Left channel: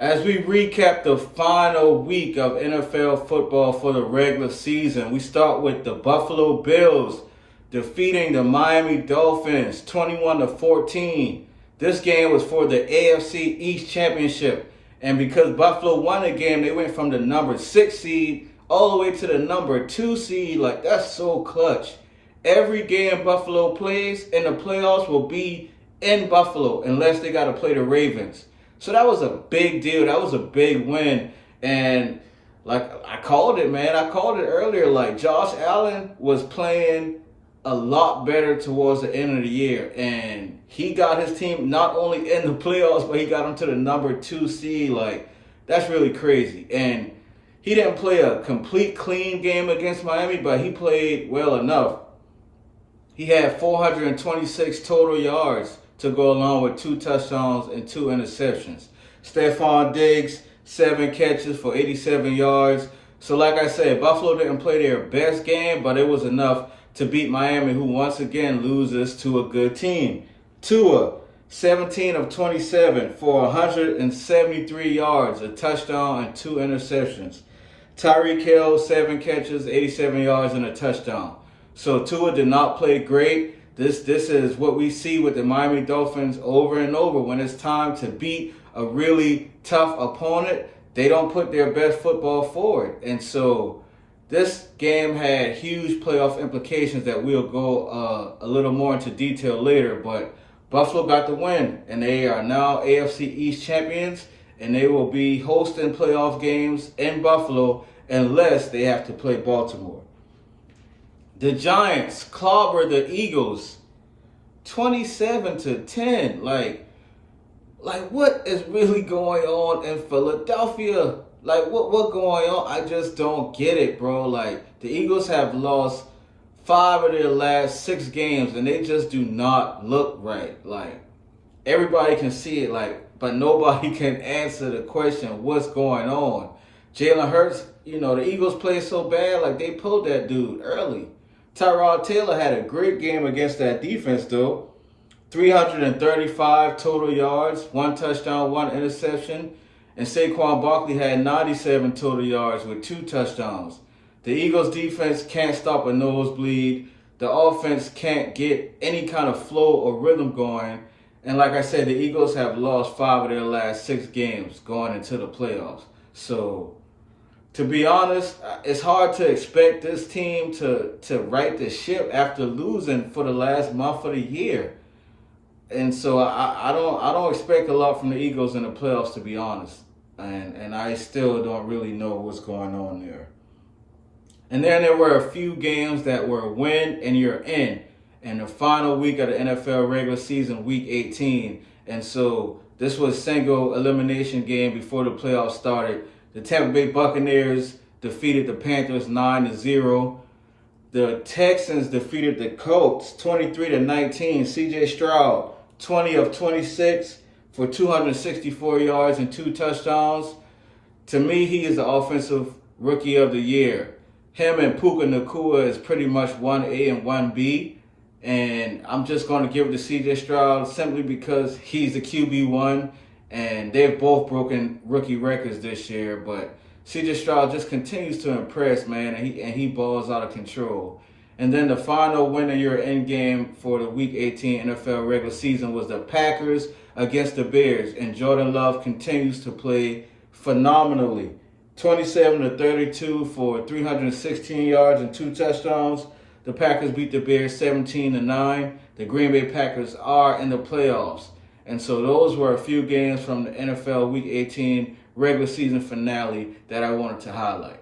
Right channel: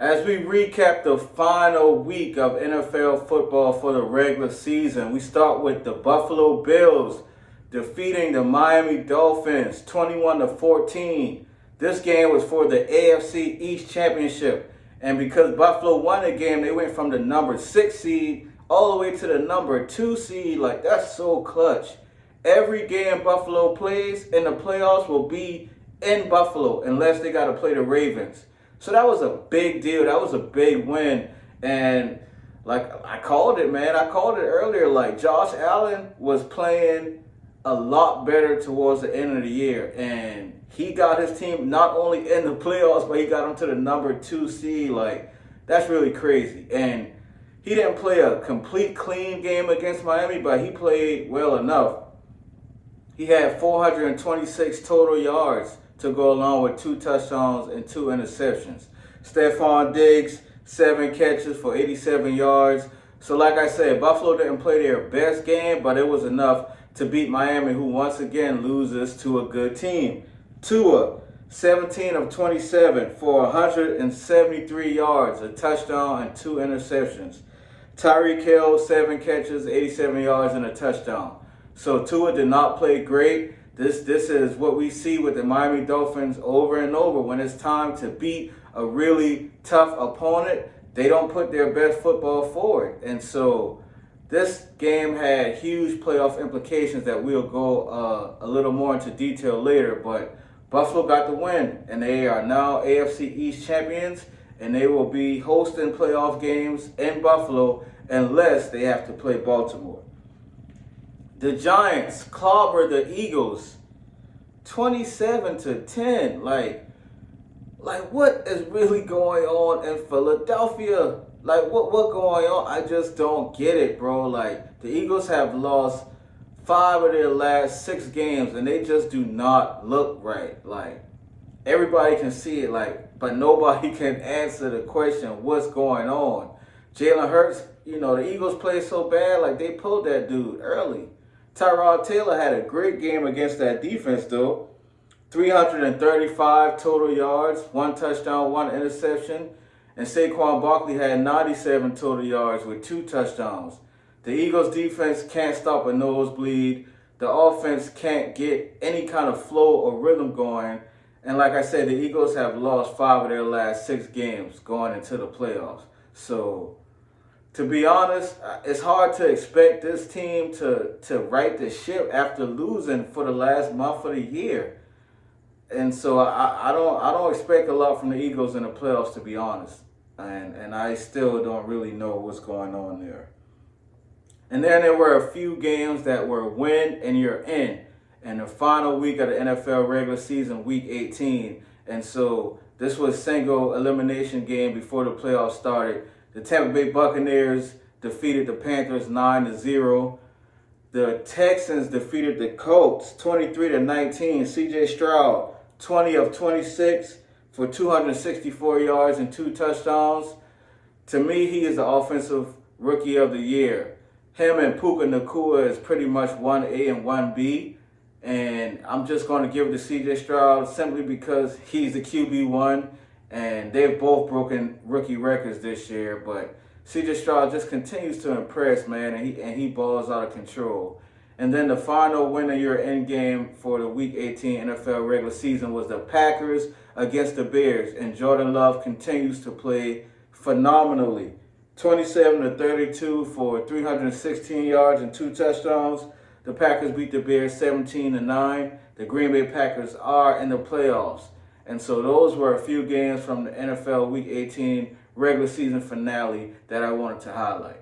As we recap the final week of NFL football for the regular season, we start with the Buffalo Bills defeating the Miami Dolphins 21-14. This game was for the AFC East Championship. And because Buffalo won the game, they went from the number 6 seed all the way to the number 2 seed. Like, that's so clutch. Every game Buffalo plays in the playoffs will be in Buffalo unless they got to play the Ravens. So that was a big deal. That was a big win. And like I called it, man. I called it earlier. Like, Josh Allen was playing a lot better towards the end of the year. And he got his team not only in the playoffs, but he got them to the number 2 seed. Like, that's really crazy. And he didn't play a complete clean game against Miami, but he played well enough. He had 426 total yards to go along with 2 touchdowns and 2 interceptions. Stephon Diggs, 7 catches for 87 yards. So like I said, Buffalo didn't play their best game, but it was enough to beat Miami, who once again loses to a good team. Tua, 17 of 27 for 173 yards, a touchdown and 2 interceptions. Tyreek Hill, 7 catches, 87 yards and a touchdown. So Tua did not play great. This is what we see with the Miami Dolphins over and over. When it's time to beat a really tough opponent, they don't put their best football forward. And so this game had huge playoff implications that we'll go a little more into detail later. But Buffalo got the win, and they are now AFC East champions, and they will be hosting playoff games in Buffalo unless they have to play Baltimore. The Giants clobbered the Eagles 27-10. Like what is really going on in Philadelphia? Like what going on? I just don't get it, bro. Like, the Eagles have lost 5 of their last 6 games, and they just do not look right. Like, everybody can see it, like, but nobody can answer the question, what's going on? Jalen Hurts, the Eagles play so bad, like, they pulled that dude early. Tyrod Taylor had a great game against that defense, though. 335 total yards, 1 touchdown, 1 interception. And Saquon Barkley had 97 total yards with 2 touchdowns. The Eagles defense can't stop a nosebleed. The offense can't get any kind of flow or rhythm going. And like I said, the Eagles have lost 5 of their last 6 games going into the playoffs. So, to be honest, it's hard to expect this team to right the ship after losing for the last month of the year. And so I don't expect a lot from the Eagles in the playoffs, to be honest. And I still don't really know what's going on there. And then there were a few games that were win and you're in the final week of the NFL regular season, week 18. And so this was single elimination game before the playoffs started. The Tampa Bay Buccaneers defeated the Panthers 9-0. The Texans defeated the Colts 23-19. C.J. Stroud, 20 of 26 for 264 yards and 2 touchdowns. To me, he is the offensive rookie of the year. Him and Puka Nacua is pretty much 1A and 1B. And I'm just going to give it to C.J. Stroud simply because he's the QB1. And they've both broken rookie records this year. But C.J. Stroud just continues to impress, man. And he balls out of control. And then the final win of your end game for the Week 18 NFL regular season was the Packers against the Bears. And Jordan Love continues to play phenomenally. 27-32 for 316 yards and 2 touchdowns. The Packers beat the Bears 17-9. The Green Bay Packers are in the playoffs. And so those were a few games from the NFL Week 18 regular season finale that I wanted to highlight.